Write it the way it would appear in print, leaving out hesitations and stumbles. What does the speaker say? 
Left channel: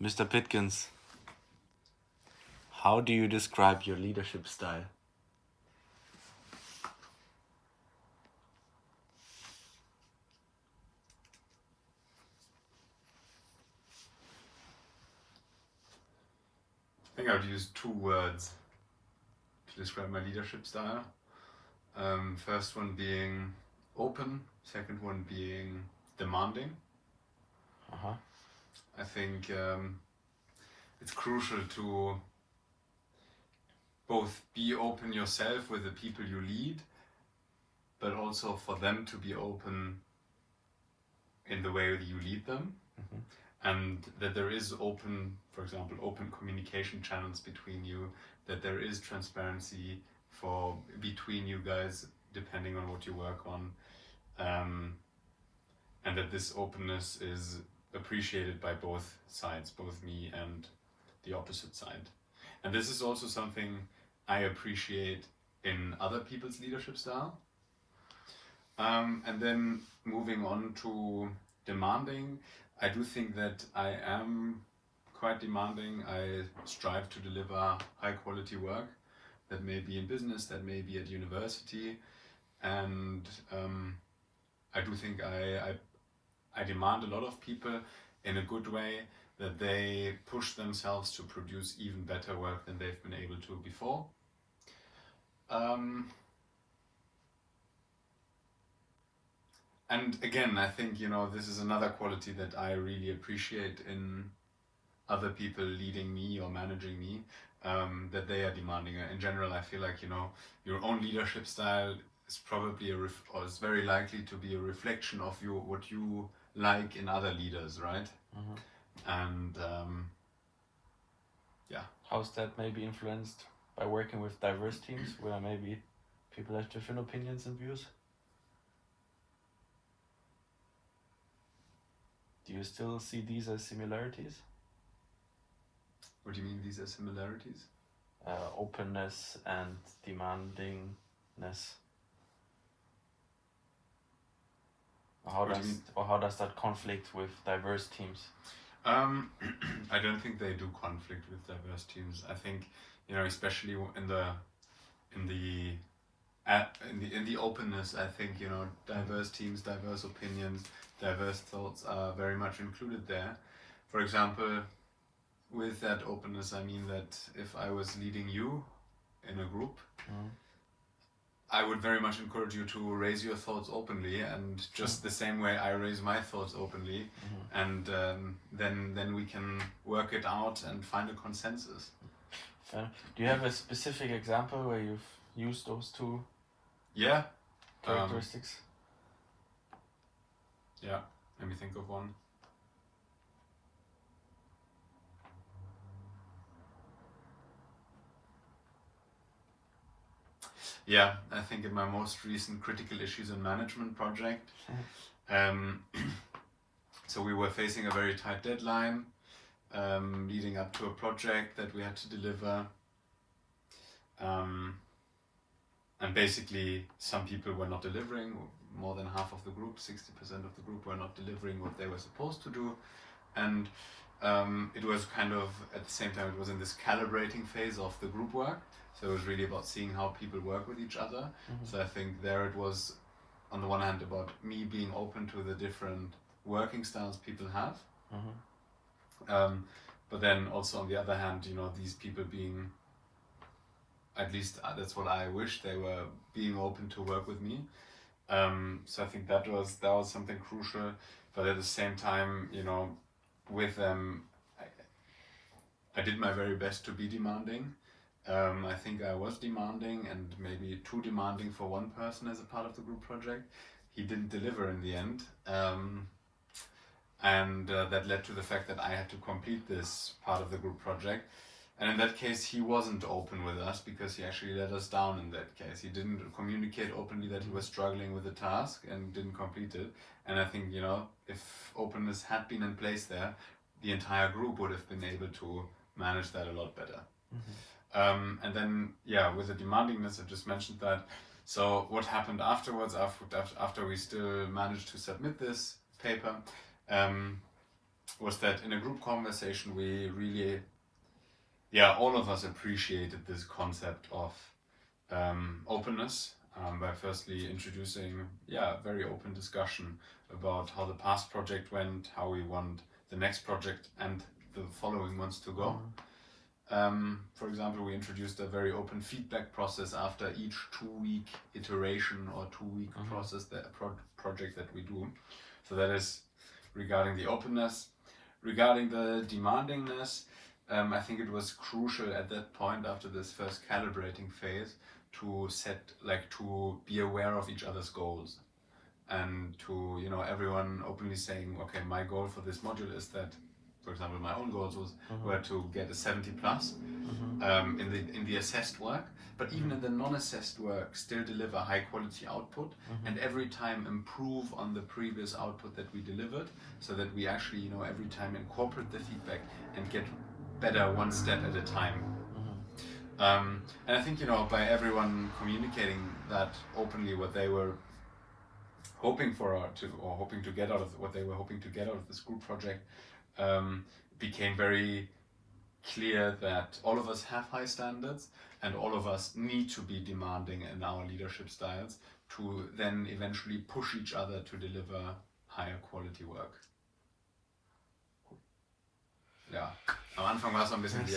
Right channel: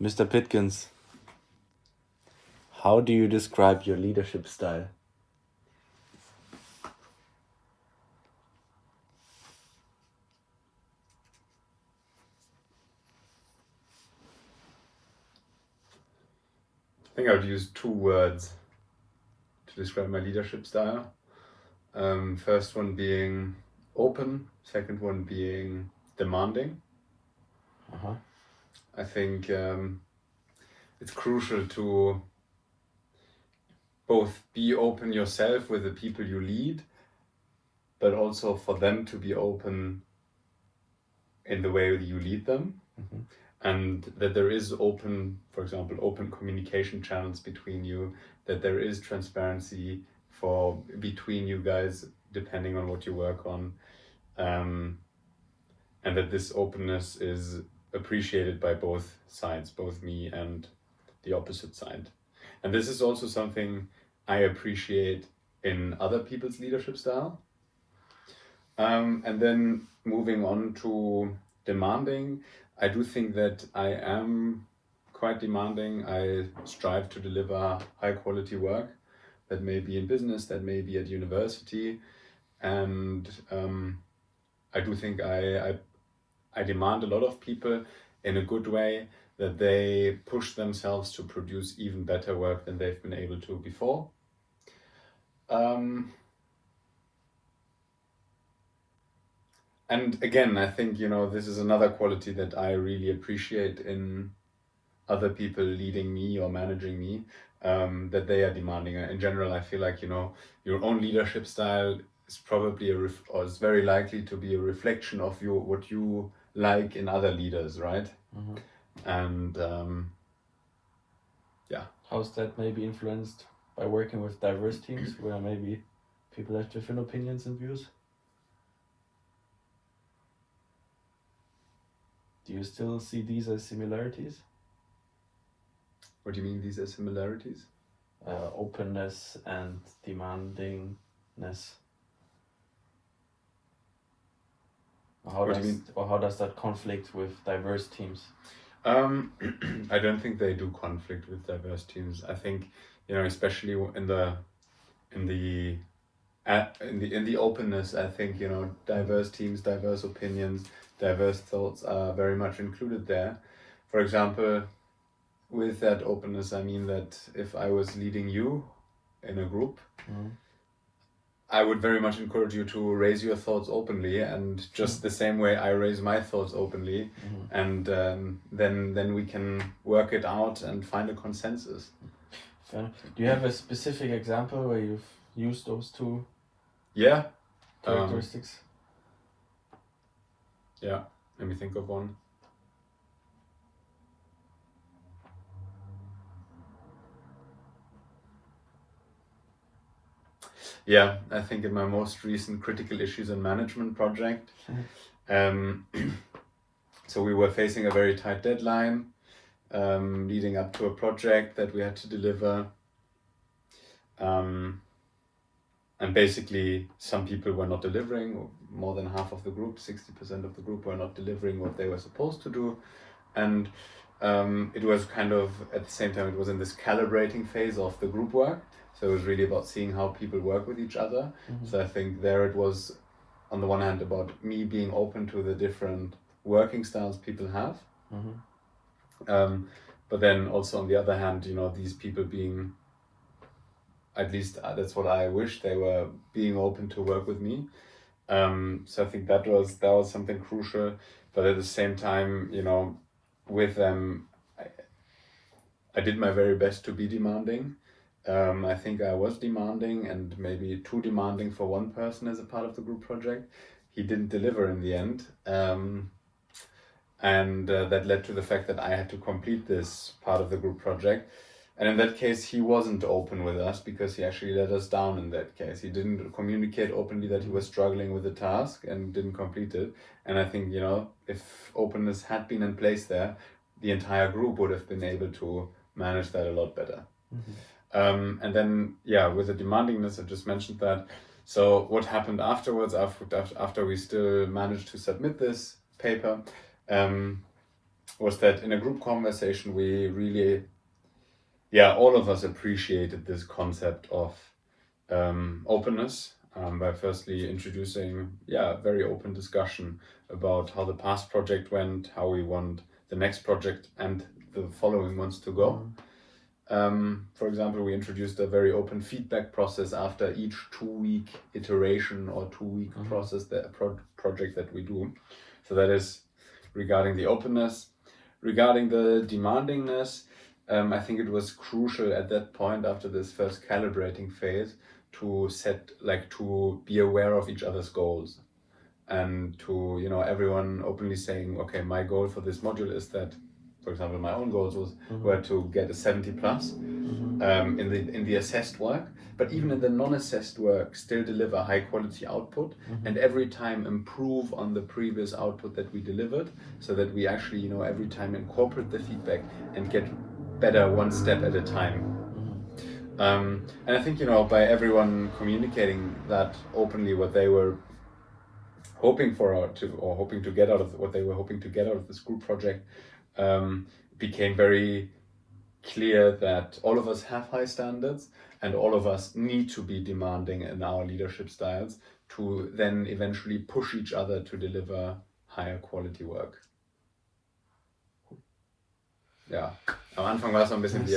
Mr. Pitkins, how do you describe your leadership style? I think I would use 2 words to describe my leadership style. First one being open, second one being demanding. Uh-huh. I think it's crucial to both be open yourself with the people you lead, but also for them to be open in the way you lead them. Mhm. And that there is open, for example, open communication channels between you, that there is transparency for between you guys depending on what you work on, and that this openness is appreciated by both sides, both me and the opposite side. And this is also something I appreciate in other people's leadership style. And then moving on to demanding, I do think that I am quite demanding. I strive to deliver high quality work that may be in business, that may be at university. And I do think I demand a lot of people in a good way, that they push themselves to produce even better work than they've been able to before. And again, I think, this is another quality that I really appreciate in other people leading me or managing me, that they are demanding. In general, I feel like, your own leadership style is probably or is very likely to be a reflection of what you like in other leaders, right? Mhm. And How's that maybe influenced by working with diverse teams where maybe people have different opinions and views? Do you still see these as similarities? What do you mean these are similarities? Openness and demandingness. How does that conflict with diverse teams? I don't think they do conflict with diverse teams. I think, especially in the openness, I think, diverse teams, diverse opinions, diverse thoughts are very much included there. For example, with that openness, I mean that if I was leading you in a group, Mhm. I would very much encourage you to raise your thoughts openly, and just the same way I raise my thoughts openly, and then we can work it out and find a consensus. Do you have a specific example where you've used those two Yeah. characteristics? Yeah, let me think of one. Yeah, I think in my most recent critical issues and management project, so we were facing a very tight deadline, leading up to a project that we had to deliver. And basically, some people were not delivering, more than half of the group, 60% of the group were not delivering what they were supposed to do. And it was kind of, at the same time, it was in this calibrating phase of the group work. So it was really about seeing how people work with each other. So I think there it was, on the one hand, about me being open to the different working styles people have. But then also on the other hand, these people being, at least that's what I wish, they were being open to work with me. So I think that was something crucial. But at the same time, with them, I did my very best to be demanding. I think I was demanding, and maybe too demanding for one person as a part of the group project. He didn't deliver in the end. And that led to the fact that I had to complete this part of the group project. And in that case, he wasn't open with us, because he actually let us down in that case. He didn't communicate openly that he was struggling with the task and didn't complete it. And I think, if openness had been in place there, the entire group would have been able to manage that a lot better. And then, with the demandingness, I just mentioned that. So what happened afterwards, after we still managed to submit this paper, was that in a group conversation we really, all of us appreciated this concept of openness, by firstly introducing a very open discussion about how the past project went, how we want the next project and the following ones to go. For example, we introduced a very open feedback process after each 2-week iteration or 2-week process, project that we do. So that is regarding the openness. Regarding the demandingness, I think it was crucial at that point, after this first calibrating phase, to to be aware of each other's goals, and to, everyone openly saying, okay, my goal for this module is that, for example, my own goals were to get a 70 plus in the assessed work, but even in the non-assessed work, still deliver high quality output, and every time improve on the previous output that we delivered, so that we actually, every time incorporate the feedback and get better one step at a time. And I think, by everyone communicating that openly, what they were hoping to get out of this group project, became very clear that all of us have high standards, and all of us need to be demanding in our leadership styles to then eventually push each other to deliver higher quality work. Ja, am Anfang war es noch ein bisschen wie